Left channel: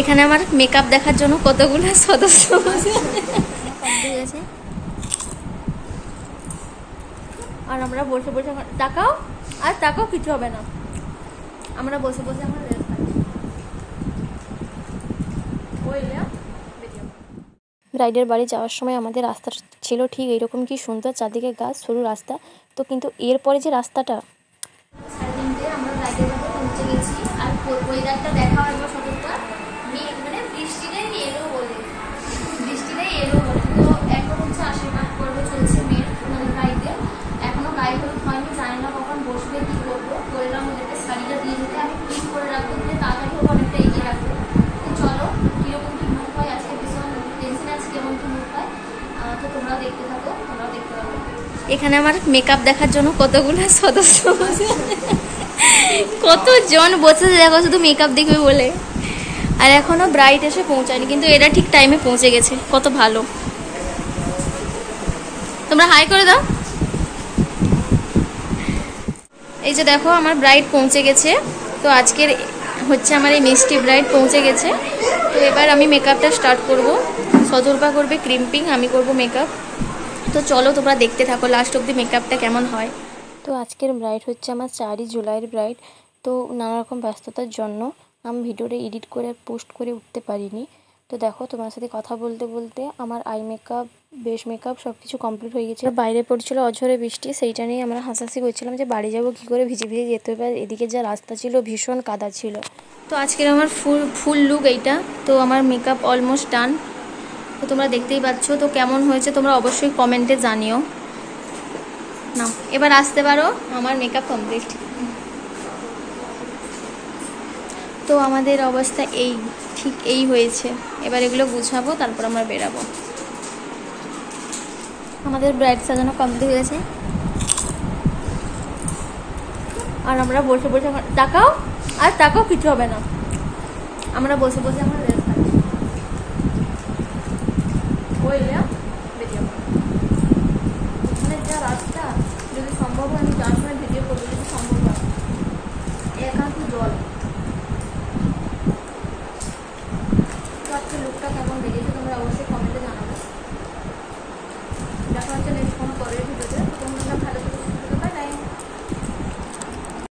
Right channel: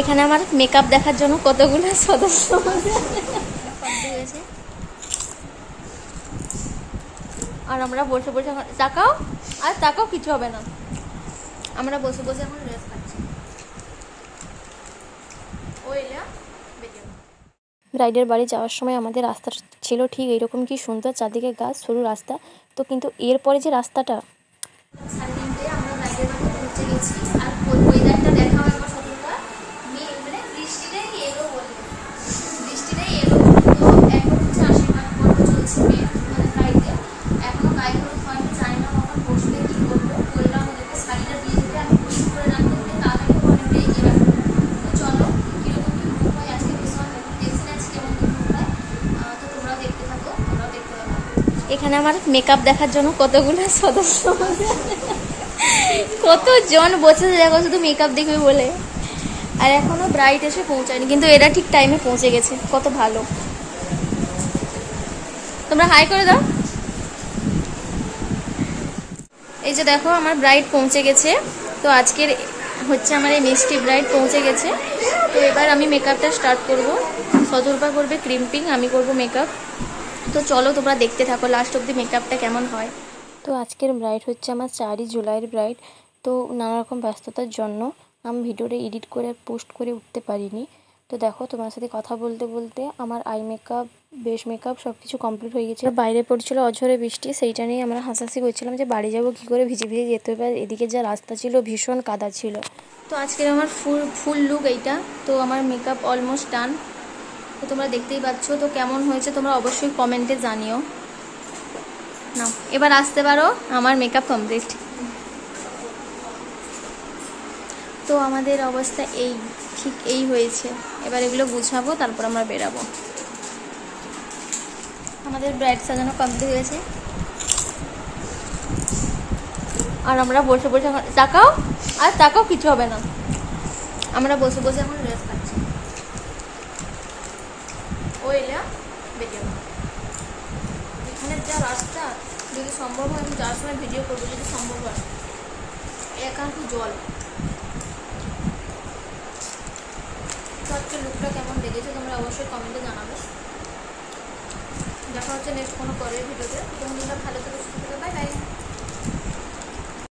এখানে আমার মেকআপ দেখার জন্য কতগুলো সদস্য হয়েছে, আর আমরা বসে বসে তাকাও আর তাকাও, কিছু হবে না। আমরা বসে বসে এখন রেস্ট খাচ্ছি। ব্রাইডের বাড়ি যাওয়ার সময় আমাদের রাস্তা ছিল ঠিক এইরকম, কি সুন্দর চারদিকে গাছ, সরু রাস্তা। তো কিন্তু এরপরে যে রাস্তাটা, 3:30 আমরা ব্রাইডের বাড়ি পৌঁছে গেছি। আর ওয়েদারটা দেখা হয় মানে বৃষ্টিটাই এলো বলে, বৃষ্টিটাই এলো। তো এখন হচ্ছে আশীর্বাদ পর্ব চলছে মেয়ের, মানে ব্রাইডে। এখনো গায়ে হলুদ হয়নি, জানি না কখন বসবে, কি করবো। বললাম ওদেরকে শাড়িটা দিয়ে যেতে, আমি ক্লিন করে রাখবো, দিয়ে তাড়াতাড়ি অনেকটা এগিয়ে রাখবো। চলো কিরকম কি মুখ হয় আজকে, ভীষণ টেনশন আছে কেমন কি মুখ হয়। তো তোমরাও দেখতে থাকো, তোমরাও দেখতে পাবো। এখানে আমার মেকআপ দেখার জন্য কতগুলো সদস্য বসে, কতজন বসেছে দেখো শুধু মেকআপ দেখবে বলে। আর এখনো ব্রাইড এসে পৌঁছায়নি, কিন্তু এরা ঠিক টাইমে পৌঁছে গেছে, কত ভালো। তোমরা হাই করে দাও। এই যে দেখো আমার ব্রাইড পৌঁছে গেছে। তো আজকের হচ্ছে আমার এই মিষ্টি ব্রাইড পৌঁছে গেছে। তো এবার আমি মেকআপটা স্টার্ট করব। সতর্পা করবে ক্রিম্পিং, আমি করব মেকআপ। তো চলো তোমরা দেখতে থাকো লাস্ট অব্দি মেকআপটা কেমন হয়। তো আজকের ব্রাইড হচ্ছে আমার 4 জুলাইয়ের ব্রাইড। তো নানা রকম ব্যস্ততার জন্য আমি ভিডিওটা এডিট করে পোস্ট করে উঠতে পারিনি। তো দেখো তোমার সাথে কথা বলতে বলতে আমার আই মেকআপ, বেস মেকআপ সব কিছু কমপ্লিট হয়ে গেছে। বাইরে পড়ছিল অঝরে বৃষ্টি, সেইটা নিয়ে আমরা হাসাহাসি করছিলাম যে বাড়ি যাবো কী করে, ভিজে ভিজে যেতে হবে। এদিকে যা রাস্তা ছিল ভীষণ কাদা ছিল। তো আজকের আমার ফুল লুক এইটা। তো আমার মেকআপ অলমোস্ট ডান। তো তোমরা দেখতেই পাচ্ছ। তো কেমন হয়েছে তোমরা অবশ্যই কমেন্টে জানিও। না এবার আসতে পারো, আমার মেকআপ কমপ্লিট। তো আমাদের অবস্থা এই, ঠিক এই হয়েছে। এবার এগুলো গুছাবো, তারপর আমরা বেরাবো। আমাদের ব্রাইড সাজানো কমপ্লিট হয়েছে, আর আমরা বসে বসে তাকাও আর তাকাও, কিছু হবে না। আমরা বসে বসে এখন রেস্ট খাচ্ছি। এখানে যা রাস্তা, যদি সম্ভব হয় আমি যাওয়ার সময় ভিডিও করবো, যদি সম্ভব হয়। একান্ত জল। তো আজকে লুকটা কেমন লেগেছে তোমরা অবশ্যই কমেন্টে জানাবে। দেখা হচ্ছে নেক্সট কোনো পরের ভিডিওতে। তোমরা ভালো থেকে সুস্থ থাকো, বাই বাই।